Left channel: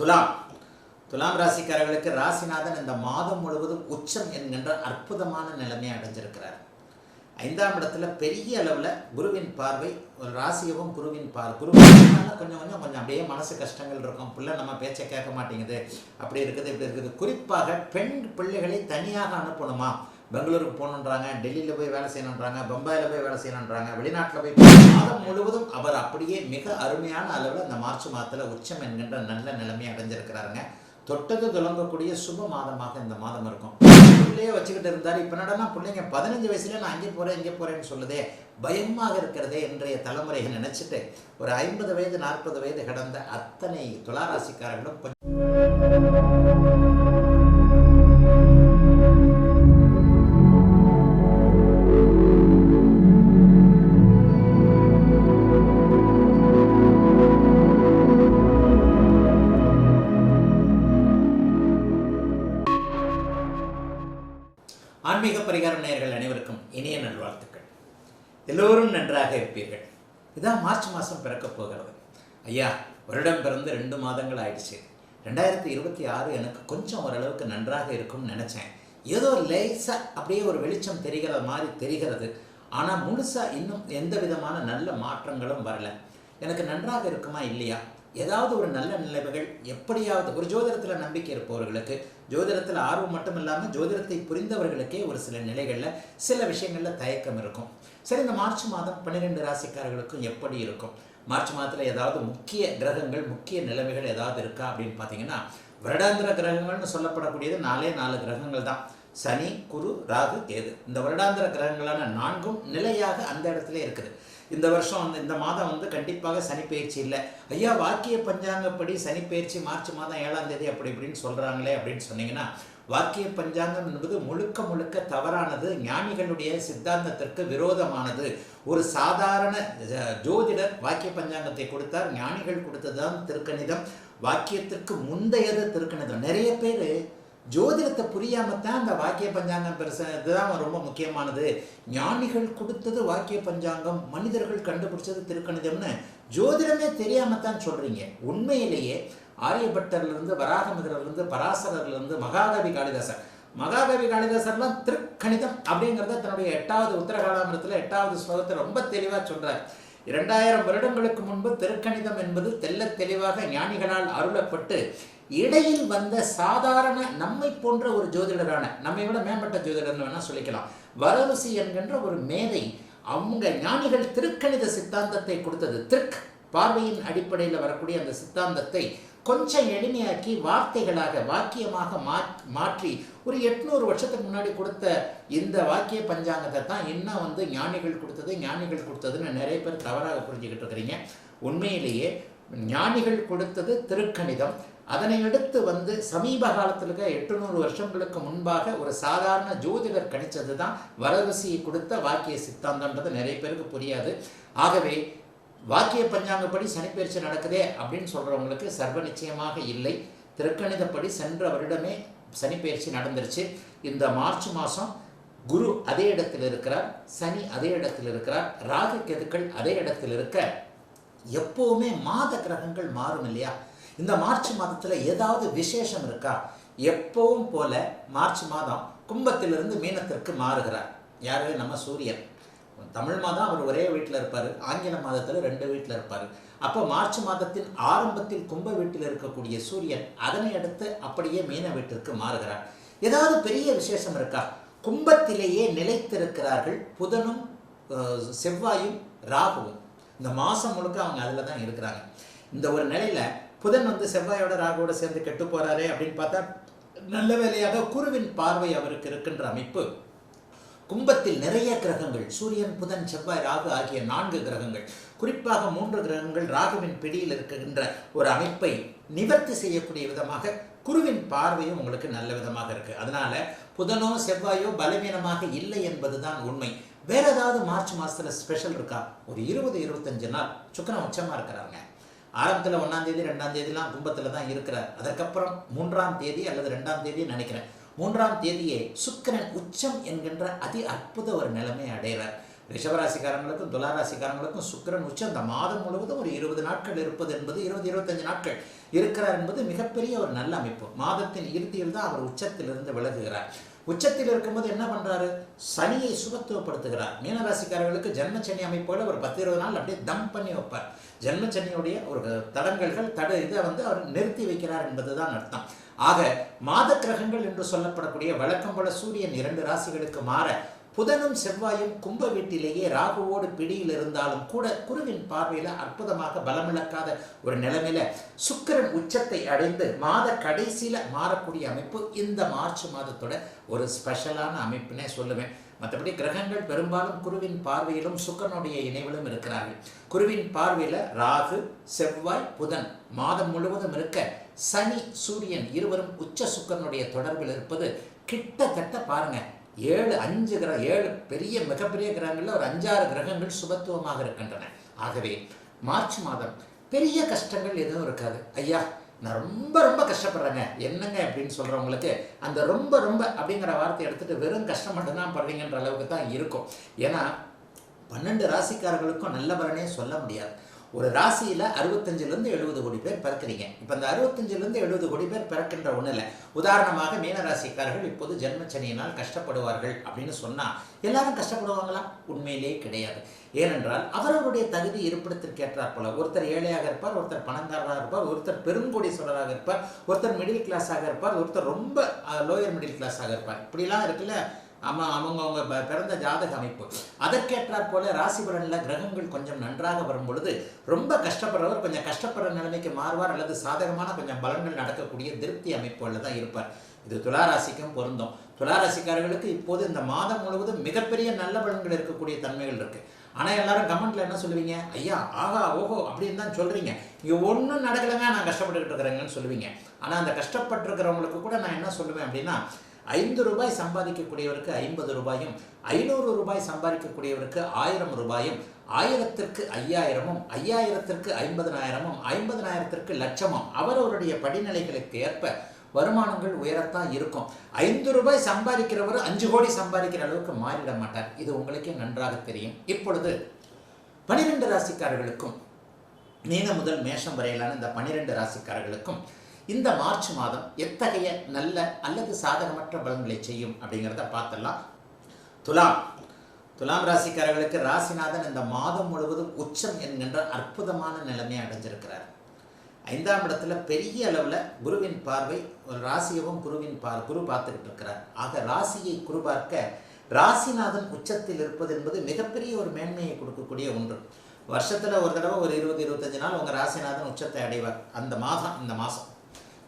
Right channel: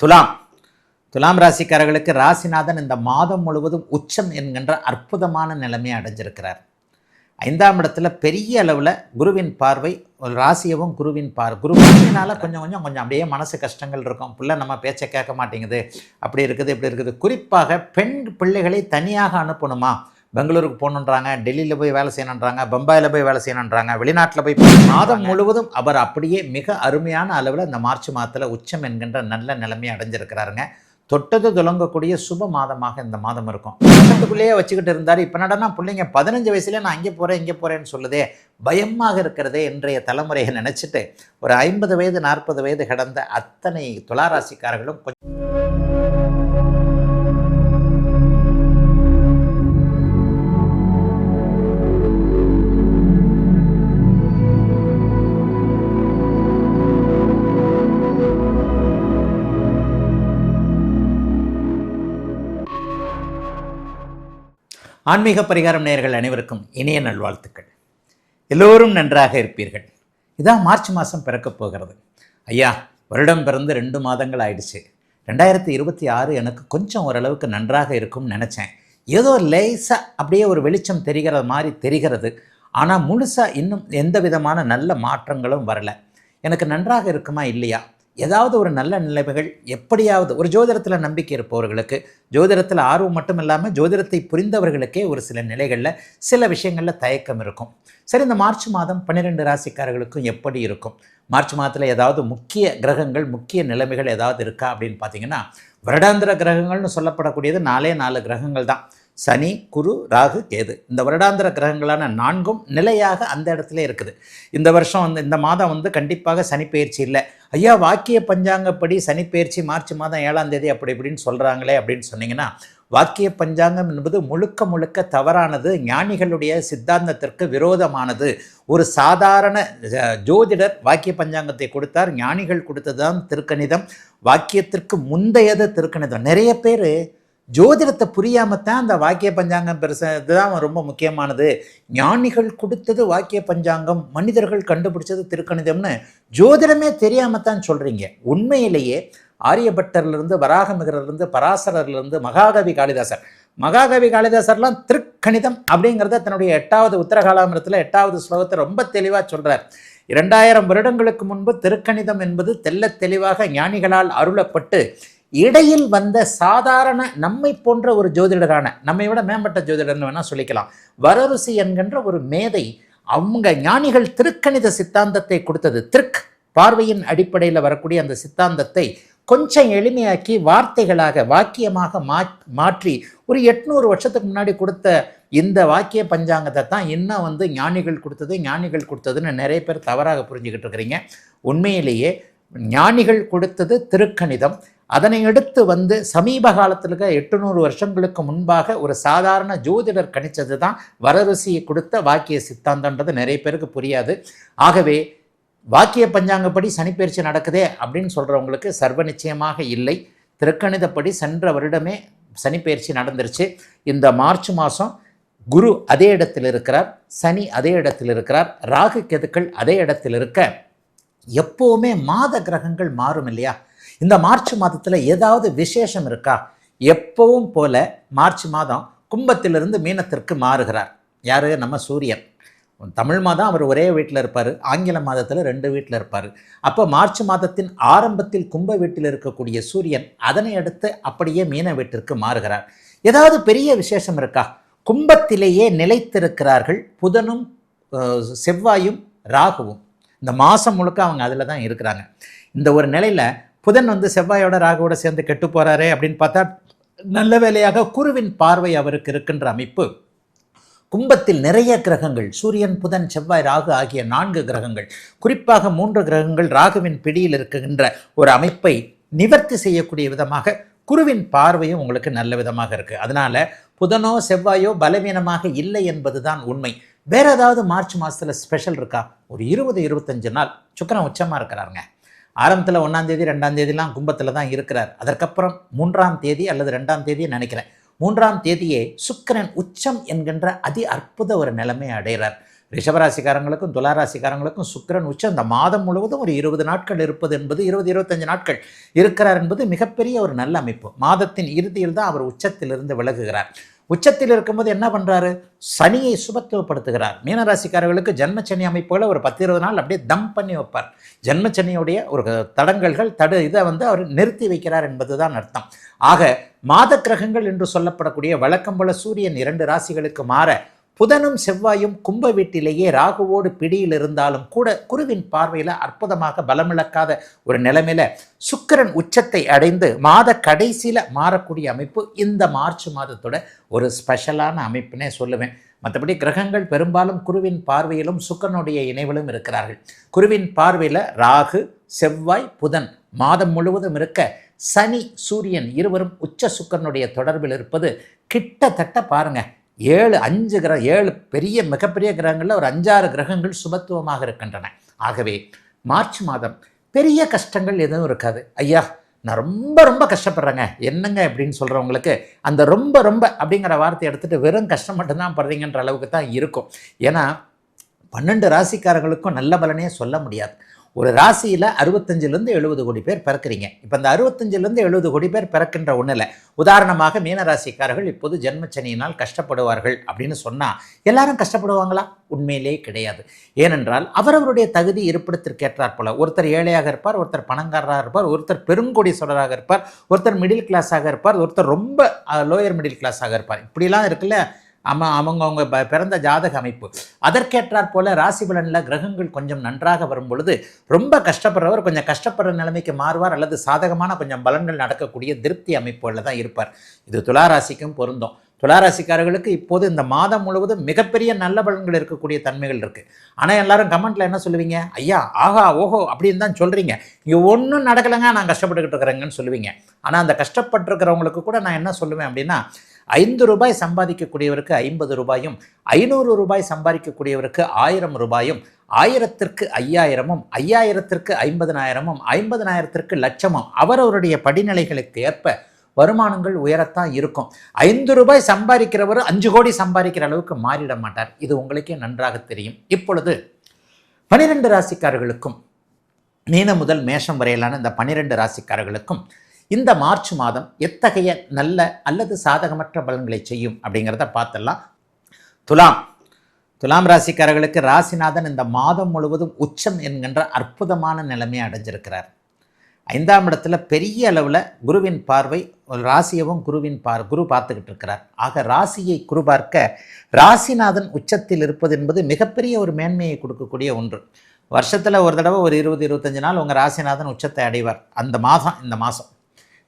துலாம் துலாம் ராசிக்காரர்களுக்கு ராசிநாதன் இந்த மாதம் முழுவதும் உச்சம் என்கின்ற அற்புதமான நிலைமையை அடைஞ்சிருக்கிறார். 5ஆம் இடத்துல பெரிய அளவில் குருவின் பார்வை, ராசியவும் குருவின் பார்வை. குருவினால கொஞ்சம் அப்படியே மனசு கஷ்டங்கள் இருக்கும். பிள்ளை நம்ம பேச்சை கேட்க மாட்டேங்குது, அப்படி இருக்குது இப்படி இருக்குது. குறிப்பாக பெண் பிள்ளைகளை தனியாக அனுப்பணுமா, பெங்களூருக்கு போகணுன்றாங்க, டெல்லியில் போய் வேலை செய்யணுன்றாங்க, பம்பாயில் போய் வேலை செய்யணுன்றாங்க, வெளிநாட்டில் போய் மாதம் முழுவதும் அவர் அப்படியே மிக அருமையான அளவில் இந்த மார்ச் மாதத்தில் உச்சம் என்கின்ற நல்ல நிலைமையை அடைஞ்சிருக்கிறாருங்க. தொட்டது துலங்கக்கூடிய சுப மாதமாக இந்த மாதம் இருக்கும். பிள்ளையே வச்சுக்கிட்டு இருந்தார். இப்போ நடனா பிள்ளைங்க 15 வயசுல நான் அங்கே போகிறேன் இங்கே போகிறேன்னு சொல்லுதே, பயமாக இருக்கிறதே இன்றைய தலைமுறையை நினச்சிட்டு ஒரு 50 வயது 40 வயது கடந்த அத்தனை துளாராசிக்காரர்களும் ஆன்மீக பரிகாரம் நேயர்கள் அனைவருக்கும் இனிய நல்வாழ்த்துக்கள். எல்லோரும் நன்றாக இருப்பீர்கள். இதான் மார்ச் மாதம் பிறக்கப் போகிறது. ஐயா, வருடம் பிறந்து 2 மாதங்கள் ஆயிடுச்சு. 2026 எனக்கு கொஞ்சம் ஓரளவுக்கு நன்றாக இருக்கும்னு நினச்சேன். ஏதோ லேசாக அப்படியே ஒரு வெளிச்சம் தெரிகிற மாதிரி தெரிகிறது. ஆனால் முழுசாக இன்னும் எந்த விதமான நல்ல மாற்றங்களும் வரலை. எனக்கு நன்றாக இருக்குமா இல்லையா, ஏதாவது ஒரு நல்ல நிலைமைகள் எப்படியாவது ஒரு ஜோதிடத்தில் நம்பிக்கை இருப்பவர்களுக்கு, ஜோதிடத்தில் ஆர்வம் மட்டும் இல்லாமல் ஜோதிடத்தை புரிந்தவர்களுக்கே ஒரு சில நிலைகளில் சில விஷயங்களில் தயக்கம் இருக்கும். சரி, இந்த மார்ச் மாதம் 12 ராசிக்காரர்களுக்கும் எப்படி இருக்கும்? மார்ச் மாதத்தில் ஏதாவது முக்கிய கிரகங்கள், முக்கிய நிலைமைகள் ஏதாவது இருக்கா அப்படின்னு பார்த்தீங்கன்னா, வருடாந்திர கிரகங்கள்னு சொல்லப்படக்கூடியது 4 கிரகங்கள் தான். சனி, குரு, ராகு, கேது. இந்த வருடாந்திர கிரகங்களான 4ம் நிலையாக அந்த இடத்துல இருக்குது. இந்த வருஷம் இந்த மாதம் கண்டிப்பாக சனி பயிற்சி இல்லை. ஐயா, வாக்கிய பஞ்சாங்கப்படி சனி பயிற்சி மார்ச் மாதம் 7ஆம் தேதி அப்படி இப்படின்னு சொல்கிறாங்களே அப்படின்னு சொன்னீங்கன்னா, வாக்கிய பஞ்சாங்கம் என்பது முழுக்க தவறானது, ஞானிகளுடைய சித்தாந்தத்திற்கு விரோதமானது. ஒரு சாதாரண ஜோதிடர் வாக்கிய பஞ்சாங்கத்தை கொடுத்தார், ஞானிகள் கொடுத்ததுதான் திருக்கணிதம். வாக்கியத்திற்கு முந்தையது திருக்கணிதம். நிறைய பேர் ஜோதிடத்தை புரியாமத்தான் அந்த வாக்கிய பஞ்சாங்கம் இதுதான் ரொம்ப முக்கியமானது, ஞானிகள் கொடுத்தது வாக்கிய பஞ்சாங்கம், மனிதர்கள் கண்டுபிடிச்சது திருக்கணிதம்னு ஜோதிடமே தெரியாமத்தான் சொல்றீங்க. உண்மையிலேயே ஆரியபட்டர்லேருந்து, வராகமிகரிலிருந்து, பராசரர்லேருந்து, மகாகவி காளிதாசர்லாம் திருக்கணிதம் அப்படிங்கிறத தன்னுடைய 8வது உத்தரகாலாமிரத்தில் 8வது ஸ்லோகத்தை ரொம்ப தெளிவாக சொல்றார். 2000 வருடங்களுக்கு முன்பு திருக்கணிதம் என்பது தெல்ல தெளிவாக ஞானிகளால் அருளப்பட்டு இடையில் வந்த சாதாரண நம்மை போன்ற ஒரு ஜோதிடரான, நம்மை விட மேம்பட்ட ஜோதிடர்னு வேணா சொல்லிக்கலாம், வரருசி என்கின்ற ஒரு மேதை, அவங்க ஞானிகள் திருக்கணித சித்தாந்தத்தை கொடுத்தது. பார்வையின் அடிப்படையில் வரக்கூடிய அந்த சித்தாந்தத்தை கொஞ்சம் எளிமையாக்கி வார்த்தைகளாக வாக்கியமாக மாற்றி ஒரு 800 வருஷத்துக்கு முன்னாடி கொடுத்த இந்த வாக்கிய பஞ்சாங்கத்தை தான் இன்னும் ஞானிகள் கொடுத்ததுன்னு நிறைய பேர் தவறாக புரிஞ்சுக்கிட்டு இருக்கிறீங்க. உண்மையிலேயே ஞானிகள் கொடுத்தது திருக்கணிதம். அதனை அடுத்து சமீப காலத்தில் 800 வருஷங்களுக்கு முன்பாக ஒரு சாதாரண ஜோதிடர் கணிச்சது தான் வரருசியை கொடுத்த வாக்கிய சித்தாந்தம்ன்றது நிறைய பேருக்கு புரியாது. ஆகவே வாக்கிய பஞ்சாங்கப்படி சனிப்பயிற்சி நடக்குதே அப்படின்னு சொல்றவங்களுக்கு சர்வ நிச்சயமாக இல்லை. திருக்கணிதப்படி சென்ற வருடமே சனிப்பயிற்சி நடந்துருச்சு. இந்த மார்ச் மாதம் குரு அதே இடத்தில் இருக்கிறார், சனி அதே இடத்தில் இருக்கிறார், ராகு கேதுக்கள் அதே இடத்தில் இருக்க எப்பவுமே மாத கிரகங்கள் மாறும் இல்லையா? இந்த மார்ச் மாதத்தில் ஏதாவது விசேஷம் இருக்கா? எப்பவும் போல மார்ச் மாதம் கும்பத்திலிருந்து மீனத்திற்கு மாறுகிறார். யாரு? நம்ம சூரியன். தமிழ் மாதம் அவர் ஒரே வீட்டில் இருப்பார், ஆங்கில மாதத்தில் 2 வீட்டில் இருப்பார். அப்போ மார்ச் மாதத்தின் ஆரம்பத்தில் கும்ப வீட்டில் இருக்கக்கூடிய சூரியன் அதனை அடுத்து அப்படியே மீன வீட்டிற்கு மாறுகிறார். ஏதாவது பெரிய விசேஷம் இருக்கா? கும்பத்திலேயே நிலைத்திருக்கிறார்கள் புதனும் செவ்வாயும் ராகுவும். இந்த மாதம் முழுக்க அவங்க அதில் தான் இருக்கிறாங்க. இந்த ஒரு நிலையில் புதன் செவ்வாயோட ராகுவோட சேர்ந்து கெட்டு போறாரே அப்படின்னு பார்த்தா, நல்ல வேலையாக குருவின் பார்வை அவருக்கு இருக்கின்ற அமைப்பு. கும்பத்தில் நிறைய கிரகங்கள், சூரியன், புதன், செவ்வாய், ராகு ஆகிய 4 கிரகங்கள், குறிப்பாக 3 கிரகங்கள் ராகுவின் பிடியில் இருக்கின்ற ஒரு அமைப்பை நிவர்த்தி செய்யக்கூடிய விதமாக குருவின் பார்வையும் உங்களுக்கு நல்ல விதமாக இருக்கு. அதனால புதனோ செவ்வாயோ பலவீனமாக இல்லை என்பதுதான் உண்மை. வேற ஏதாவது மார்ச் மாசத்துல ஸ்பெஷல் இருக்கா? ஒரு 20-25 நாள் சுக்கிரன் உச்சமா இருக்கிறாருங்க. ஆரம்பத்தில் 1ஆம் தேதி 2ஆம் தேதிலாம் கும்பத்தில் தான் இருக்கிறார். அதற்கப்புறம் 3ஆம் தேதி அல்லது 2ஆம் தேதி நினைக்கிறேன், 3ஆம் தேதியே சுக்கிரன் உச்சம் என்கின்ற அதி அற்புத ஒரு நிலைமை அடைகிறார். ரிஷபராசிக்காரங்களுக்கும் துளாராசிக்காரங்களுக்கும் சுக்கிரன் உச்சம் இந்த மாதம் முழுவதும் ஒரு 20 நாட்கள் இருப்பது என்பது 20-25 நாட்கள் இருக்கிறார் என்பது மிகப்பெரிய ஒரு நல்ல அமைப்பு. மாதத்தின் இறுதியில் தான் அவர் உச்சத்திலிருந்து விலகுகிறார். உச்சத்தில் இருக்கும்போது என்ன பண்றாரு? சனியை சுபத்துவப்படுத்துகிறார். மீனராசிக்காரர்களுக்கு ஜென்மச்சனி அமைப்புகளை ஒரு 10-20 நாள் அப்படியே தம் பண்ணி வைப்பார். ஜென்மச்சனியுடைய ஒரு தடங்கல்கள் இதை அவர் நிறுத்தி வைக்கிறார் என்பதுதான் அர்த்தம். ஆக மாத கிரகங்கள் என்று சொல்லப்படக்கூடிய வழக்கம் போல சூரியன் 2 ராசிகளுக்கு மாற புதனும் செவ்வாயும் கும்ப வீட்டிலேயே ராகுவோடு பிடியில் இருந்தாலும் கூட குருவின் பார்வையில அற்புதமாக பலமிழக்காத ஒரு நிலைமையில சுக்கிரன் உச்சத்தை அடைந்து மாத கடைசியில மாறக்கூடிய அமைப்பு இந்த மார்ச் மாதத்தோட ஒரு ஸ்பெஷலான அமைப்புனே சொல்லுவேன். மற்றபடி கிரகங்கள் பெரும்பாலும் குருவின் பார்வையிலும் சுக்கிரனுடைய இணைவிலும் இருக்கிறார்கள். குருவின் பார்வையில ராகு, செவ்வாய், புதன் மாதம் முழுவதும் இருக்க சனி, சூரியன் இருவரும் உச்ச சுக்கிரனுடைய தொடர்பில் இருப்பது கிட்டத்தட்ட பாருங்க 7 பெரிய மிகப்பெரிய கிரகங்கள்ல ஒரு 5-6 கிரகங்கள் சுபத்துவமாக இருக்கின்றன. ஆகவே மார்ச் மாதம் பெரிய கஷ்டங்கள் எதுவும் இருக்காது. ஐயா நான் ரொம்ப ரொம்ப கஷ்டப்படுறேங்க என்னங்க அப்படின்னு சொல்றவங்களுக்கு அந்த ரொம்ப ரொம்ப அப்படிங்கிற வார்த்தையை எடுத்துட்டு வெறும் கஷ்டம் மட்டும்தான் படுறீங்கன்ற அளவுக்கு தான் இருக்கும். ஏன்னா 12 ராசிக்காரர்களுக்கும் நல்ல பலனே சொல்ல முடியாது. ஒரு ராசியில 65 70 கோடி பேர் பிறக்கிறீங்க. இப்ப இந்த 65 70 கோடி பேர் பிறக்கின்ற ஒண்ணுல உதாரணமாக மீன ராசிக்காரர்கள் இப்போது ஜென்மச்சனியினால் கஷ்டப்படுவார்கள் அப்படின்னு சொன்னா எல்லாரும் கஷ்டப்படுவாங்களா? உண்மையிலேயே கிடையாது. ஏனென்றால் அவரவருடைய தகுதி இருப்பிடத்திற்கு ஏற்றாற் போல ஒருத்தர் ஏழையாக இருப்பார், ஒருத்தர் பணக்காரராக இருப்பார், ஒருத்தர் பெருங்கோடீஸ்வரராக இருப்பார், ஒருத்தர் மிடில் கிளாஸாக இருப்பார், ஒருத்தர் ரொம்ப லோயர் மிடில் கிளாஸாக இருப்பார். இப்படிலாம் இருக்குல்ல அவங்க பிறந்த ஜாதக அமைப்பு. அதற்கேற்றாற் போல ராசி பலன்ல கிரகங்கள் கொஞ்சம் நன்றாக வரும் பொழுது ரொம்ப கஷ்டப்படுறவர் கொஞ்சம் கஷ்டப்படுற நிலைமைக்கு மாறுவார், அல்லது சாதகமான கொஞ்சம் பலன்கள் நடக்கக்கூடிய திருப்தி அமைப்புகள்ல தான் இருப்பார். இது துளாராசிக்கும் பொருந்தும். துளாராசிக்காரர்களுக்கு இப்போது இந்த மாதம் முழுவதும் மிகப்பெரிய நல்ல பலன்கள் இருக்கக்கூடிய தன்மைகள் இருக்கு. ஆனா எல்லாரும் கமெண்ட்ல என்ன சொல்லுவீங்க? ஐயா ஆஹா ஓஹோ அப்படின்னு தான் சொல்றீங்க, இங்க ஒன்றும் நடக்கலைங்க, நான் கஷ்டப்பட்டுக்கிட்டு இருக்கிறேங்கன்னு சொல்லுவீங்க. ஆனா அந்த கஷ்டப்பட்டு இருக்கிறவங்களுக்கு கூட நான் என்ன சொல்லுவேன் அப்படின்னா, 5 ரூபாய் சம்பாதிக்கக்கூடியவருக்கு 50 ரூபாயும், 500 ரூபாய் சம்பாதிக்கக்கூடியவருக்கு 1000 ரூபாயும், 1000ற்கு 5000ம், 5000ற்கு 50,000ம், 50,000ற்கு லட்சமும் அவரவருடைய படிநிலைகளுக்கு ஏற்ப வருமானங்கள் உயரத்தான் இருக்கும். 5 ரூபாய் சம்பாதிக்கிறவர் 5 கோடி சம்பாதிக்கிற அளவுக்கு மாறிட மாட்டார். இது உங்களுக்கே நன்றாக தெரியும். இப்பொழுது 12 ராசிக்காரர்களுக்கும் மீனம் முதல் மேஷம் வரையிலான இந்த 12 ராசிக்காரர்களுக்கும் இந்த மார்ச் மாதம் எத்தகைய நல்ல அல்லது சாதகமற்ற பலன்களை செய்யும் அப்படிங்கிறத பார்த்துடலாம். துலாம் ராசிக்காரர்களுக்கு ராசிநாதன் இந்த மாதம் முழுவதும் உச்சம் என்கின்ற அற்புதமான நிலைமையை அடைஞ்சிருக்கிறார். 5ஆம் இடத்துல பெரிய அளவில் குருவின் பார்வை, ராசியவும் குரு பார்த்துக்கிட்டு இருக்கிறார். ஆக ராசியை குரு பார்க்க ராசிநாதன் உச்சத்தில் இருப்பது என்பது மிகப்பெரிய ஒரு மேன்மையை கொடுக்கக்கூடிய ஒன்று. வருஷத்துல ஒரு தடவை ஒரு 20-25 நாள் உங்க ராசிநாதன் உச்சத்தை அடைவார்.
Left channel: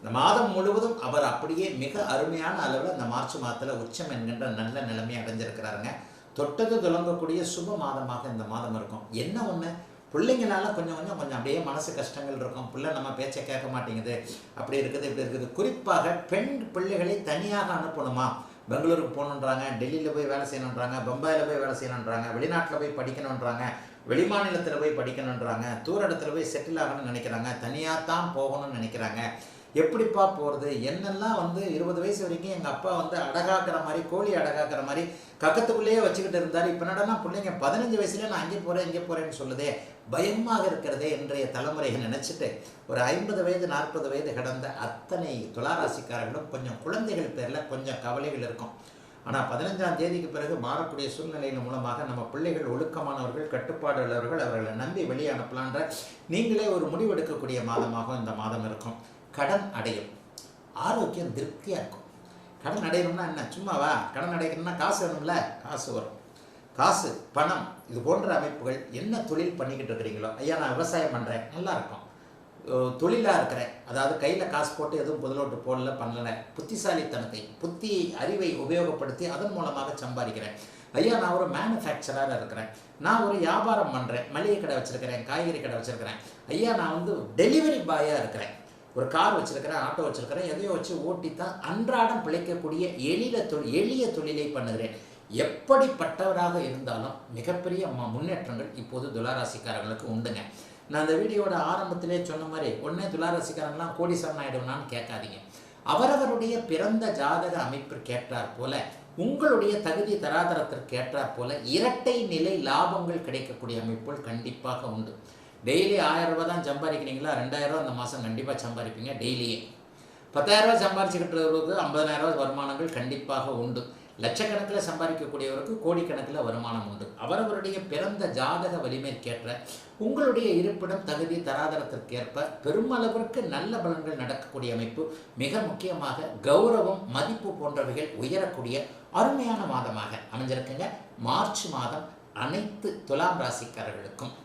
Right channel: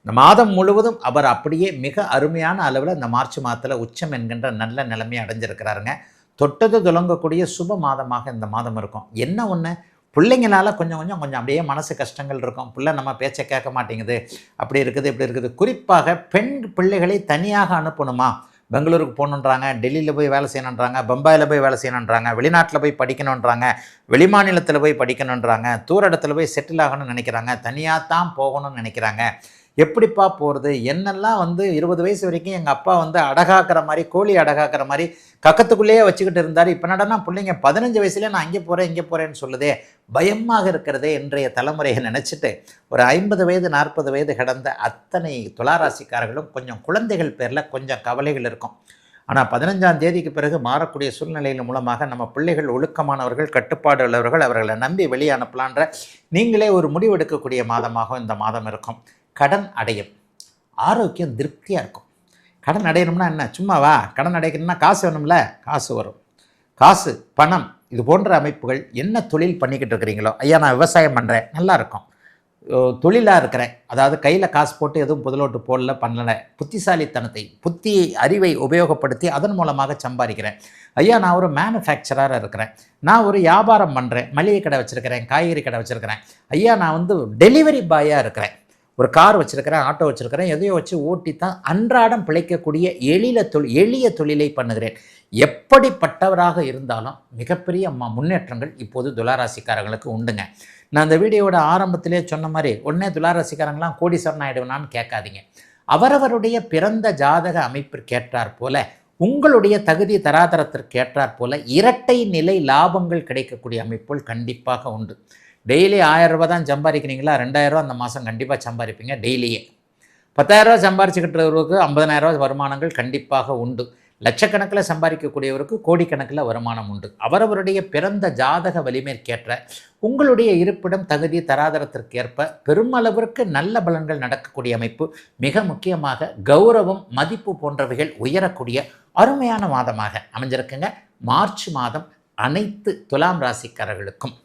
இந்த மாதம் முழுவதும் அவர் அப்படியே மிக அருமையான அளவில் இந்த மார்ச் மாதத்தில் உச்சம் என்கின்ற நல்ல நிலைமையை அடைஞ்சிருக்கிறாருங்க. தொட்டது துலங்கக்கூடிய சுப மாதமாக இந்த மாதம் இருக்கும். என்ன ஒன்று, பிள்ளைங்கனால கொஞ்சம் அப்படியே மனசு கஷ்டங்கள் இருக்கும். பிள்ளை நம்ம பேச்சை கேட்க மாட்டேங்குது, அப்படி இருக்குது இப்படி இருக்குது. குறிப்பாக பெண் பிள்ளைகளை தனியாக அனுப்பணுமா, பெங்களூருக்கு போகணுன்றாங்க, டெல்லியில் போய் வேலை செய்யணுன்றாங்க, பம்பாயில் போய் வேலை செய்யணுன்றாங்க, வெளிநாட்டில் போய் படிக்கணுன்றாங்க, வெளிமாநிலத்தில் போய் படிக்கணுன்றாங்க, தூர இடத்துல போய் செட்டில் ஆகணும்னு நினைக்கிறாங்க, தனியாக தான் போகணும்னு நினைக்கிறாங்க. எப்படிப்பா போகிறது? என்னெல்லாம் 20 வயசு வரைக்கும் எங்கள் அப்பா அடகாக்கிற மாதிரி, கோழி அடகாக்கிற மாதிரி கக்கத்துக்குள்ளேயே வச்சுக்கிட்டு இருந்தார். இப்போ நடனா பிள்ளைங்க 15 வயசுலேயே நான் இங்கே போகிறேன்னு சொல்லுதே, பயமாக இருக்கிறதே இன்றைய தலைமுறையை நினச்சிட்டு ஒரு 50 வயது 40 வயது கடந்த அத்தனை துளாராசிக்காரர்களும் கொஞ்சம் குழந்தைகள் பேரில் கொஞ்சம் கவலைகள் இருக்கும். ஆனால் 15ஆம் தேதிக்கு பிறகு மாறக்கூடிய சூழ்நிலையின் மூலமாக நம்ம பிள்ளைகள் ஒழுக்கமானவர்கள், கட்டுப்பாடு உள்ளவர்கள், அவர்களை நம்பி வெளியே அனுப்பலான்ற நீங்களே ஒரு முடிவெடுக்கக்கூடிய மாதமாகவும் இந்த மாதம் இருக்கும். கடன் அடையும், ஆரோக்கியம் திருப்தியாக இருக்கும். கடன் அடையணும்னா என்ன, சும்மாவா? கடன் அடைக்கணும்னா காசு வேணும்ல, காசு வரும். காசு, பணம், இது போன்ற அமைப்புகள். என்ன தொழில் பண்ணிக்கிட்டு இருக்கிறீங்களோ, ஐயா நான் விவசாயம் பண்ணுறேன், நல்லா இருக்கும். தொழிலாக இருக்கிறேன், அதாவது கையில் காசு போட்டு எதுவும் முதலோட்டு போடல, பண்ணலை, புத்திசாலித்தனத்தை அறிவை உபயோகப்படுத்தி அதன் மூலமாக சம்பாதிக்கிறேன். ஐயா நான் ஒரு மேனுஃபேக்சராக இருக்கிறேன், நான் ஒரு வியாபாரம் பண்ணுறேன், மளிகை கடை வச்சுருக்கிறேன், காய்கறி கடை வச்சுருக்கிறேன். ஐயா நான் டெலிவரி பாயாக இருக்கிறேன், ஒரு கார் வச்சுருக்கிறேன், ஆட்டோ வச்சுருக்கிறேன், எதையோ வச்சு ஓட்டி தான் அன்றாடம் பிழைக்கக்கூடிய எளிய தொழிலை பண்ணுகிறேன். எப்படிப்பட்டவராக இருந்தாலும் மிகப்பெரிய முன்னேற்றங்கள் இப்போது துளாராசிக்காரர்களுக்கு உண்டுங்க. நான் அந்த வீடியோட ஆரம்பத்திலே சொன்ன மாதிரி உடனே துளாராசிக்காரங்களாம் கோடீஸ்வரன் ஆகிடுவேனான்னு கேட்காதீங்க. அவரவருடைய பிறந்த ஜாதக அமைப்பிற்கு ஏற்றாற் போல உங்களுடைய தகுதி தராதரத்திற்கு ஏற்றாற் போல இரட்டை நிலை லாபங்கள் கிடைக்கக்கூடிய அமைப்புகள் கண்டிப்பாக உண்டு. டெய்லி 1000 ரூபாய் தான் சம்பாதிக்கிறீங்களா, 2000 ரூபா அந்த மாதம் கண்டிப்பாக சம்பாதிப்பீங்க. டெய்லியே 10,000 ரூபா சம்பாரிச்சுக்கிட்டவருக்கு 50,000 ரூபா வருமானங்கள் கண்டிப்பாக உண்டு. லட்சக்கணக்கில் சம்பாதிக்கக்கூடியவருக்கு கோடிக்கணக்கில் வருமானம் உண்டு. அவரவருடைய பிறந்த ஜாதக வலிமைக்கேற்ற உங்களுடைய இருப்பிடம் தகுதி தராதரத்திற்கு ஏற்ப பெருமளவிற்கு நல்ல பலன்கள் நடக்கக்கூடிய அமைப்பு. மிக முக்கியமாக கௌரவம் மதிப்பு போன்றவைகள் உயரக்கூடிய அருமையான மாதமாக அமைஞ்சிருக்குங்க மார்ச் மாதம் அனைத்து துலாம் ராசிக்காரர்களுக்கும்.